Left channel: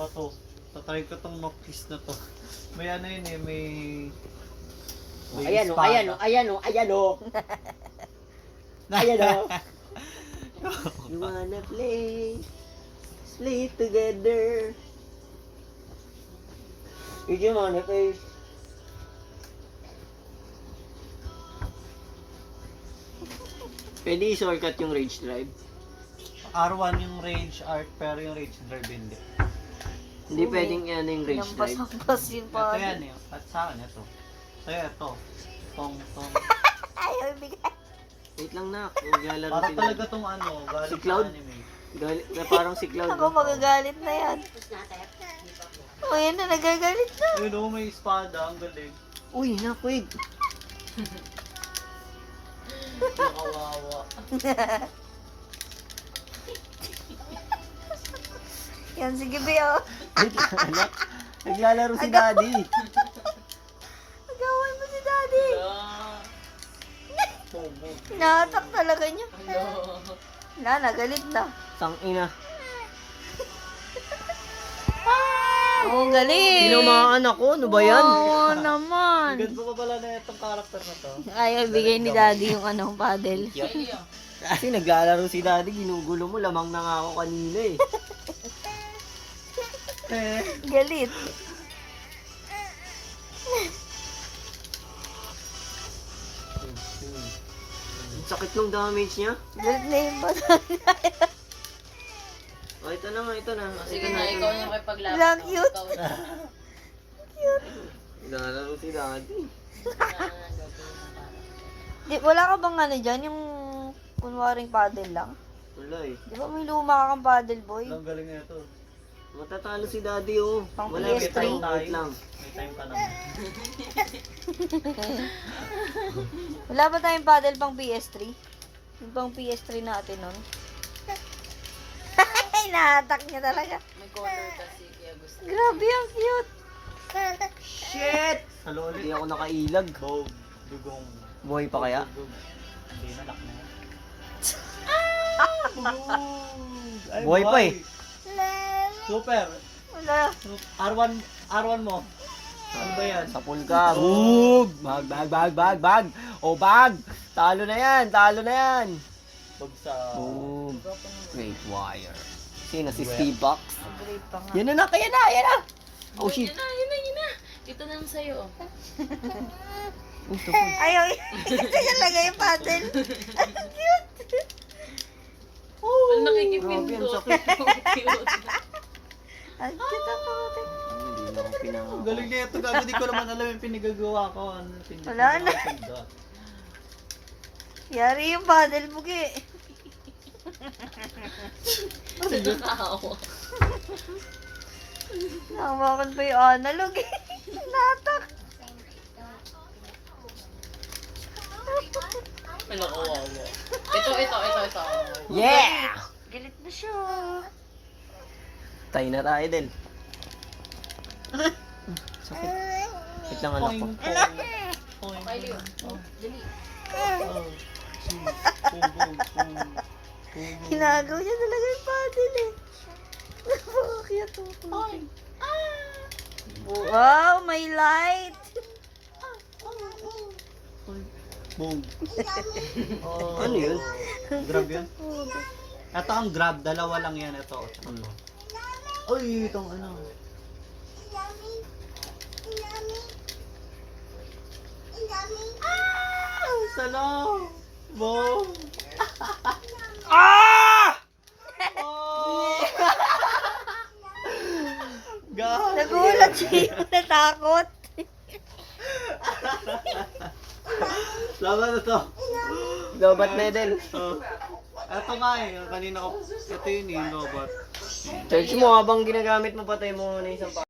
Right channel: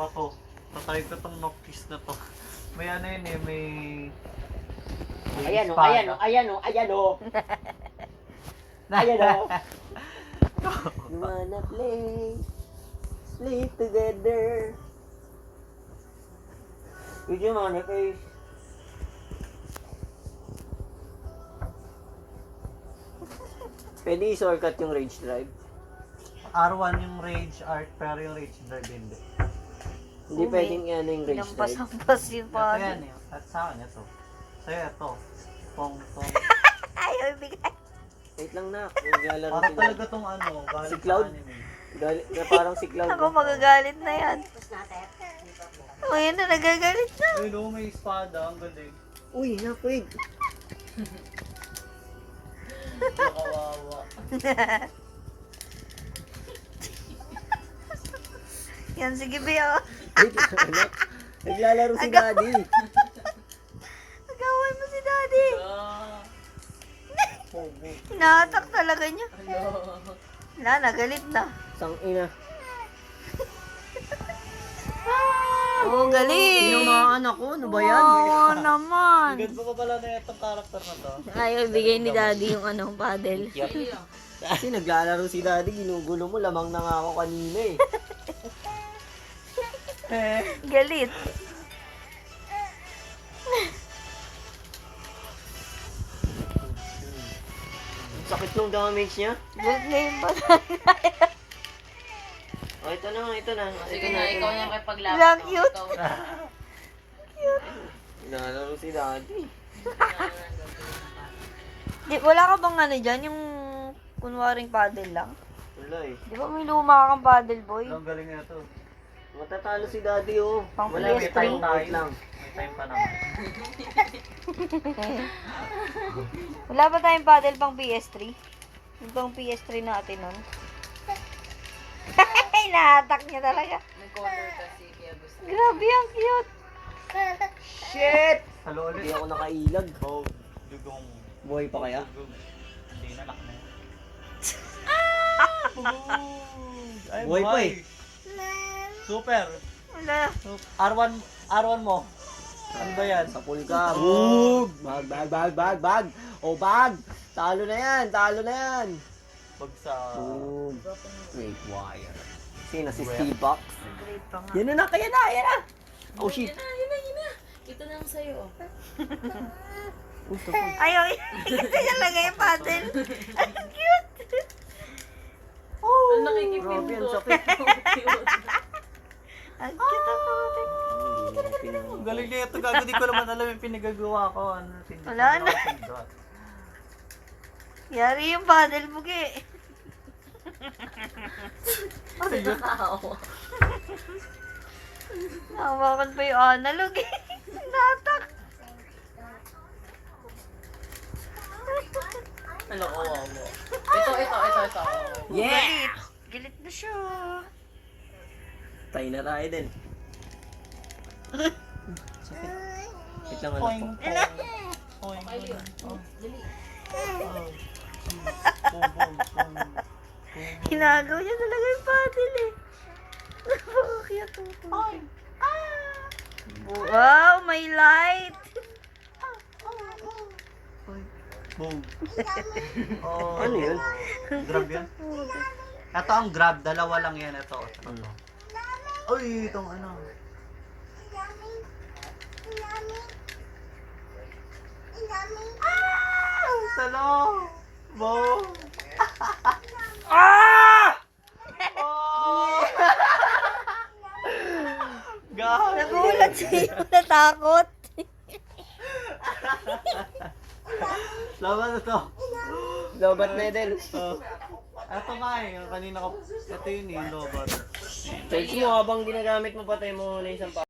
ba to? Tatry ko tong Noctis na to. May ano yun eh, may Ayan o, espada. ayan o, ayan o, ayan o. Ayan o. You wanna play, sleep together. You wanna play. Pwede i-shortcut yung rage drive. R1 yung Rage Art, pero yung Rage Drive hindi. Hindi pwedeng ano yung rage drive. Lampas-lampas yung Ito paddle. yan eh. At sa akin ito. Sa'yo ito. Tong. Ayaw ibigay. Wait lang na, naglalaro Para sila. talaga tong ano, galing Si sa Cloud? anime. Parang si Cloud. Ako magagalit na yan. O yan na, nagagalit na. Ayun oh, may espada, ang galing. Uy, nakwig. Nakawawa. Yan, sige Beo. Wait, naglalaro si Daddy. Nagaway mo si Daddy. Hinahatak talaga niya. Na, nagalit na. Sang ina. Oo, galing. Sino mga anak ko? Ano ba yan? Oo naman. Ganda pa pala na itong character na to. Ayaw ibigay ni Daddy yung anong paddle. Kasi naglalaro si Daddy, ginugulo mo. Lamang na nga ako kanina eh. Galit. Ang sakit ng damage niya. Galit na yung paddle. Oh, ito na, ito na. Sige na, ikaw na makipaglaban. Lang cute. Naglalaro si Daddy. Di, wala ka bang ano dyan? Yung kunwaring paddle lang? Wala eh. Di ba may luma kang paddle boy? Ang galing na ito. Matatalo si Daddy oh. Pang Wala, may PS3. time wait lang. May time pa naman. Wala ba tayong paddle pang PS3? Yung pang PS3 natin nun. Nahatak niya talaga. May color kasi, kaya gusto. Grabe, ang cute. Shit! Halo Hindi ulit. ako nakailag. Go. Dugong. Buhay pa kaya? Dugong. Hindi na, lock na yan. Ay, Buhay pa eh. Super. Wala. R1 mo. Ano ba yan? Sa pool ka. Boom! Bag. O bag! Talo na yan, talo na yan. Pag sa... Boom. Great wire. Sino? Si Well. Steve Box? Great pa nga. Yan na, kaya na, yan na. Oh shit. Yun na. Ito na lang sa'yo. Ayaw, kasi talaga yung paddle. Ang cute. Ang nakikipin Grabe, ang ko. sakit. Ang cute ang paddle. Ang galing na ito. Gago, di ko naman alam yung pinagagawa ko. Ano, Wala na. Yari yung paddle bugi. Nakakawa. Nahawakan pa yung analog eh. Natak. Ano, kawawa. Ito. Yeah! Gilit na siya. Tayo na tayo din. Sakit. Wait lang anak ko. Kyle yun. Dali. Ginagaw niya talaga yung paddle eh. Napaka-cute ang puti. Wow, may light. Boom. Oh. Ano yun? Grab yan? Ito ang grab. Dalawa lang yan. Ito. Uy, itong ano. Salo! Boom! Oh! God! Nagulat siya. Natakot. Laban na to. Lobat medal. Ito nga eh. Yung kanina ko. Ito yun eh. Lobat. Charge mo habang ginagamit mo, patay mo na isang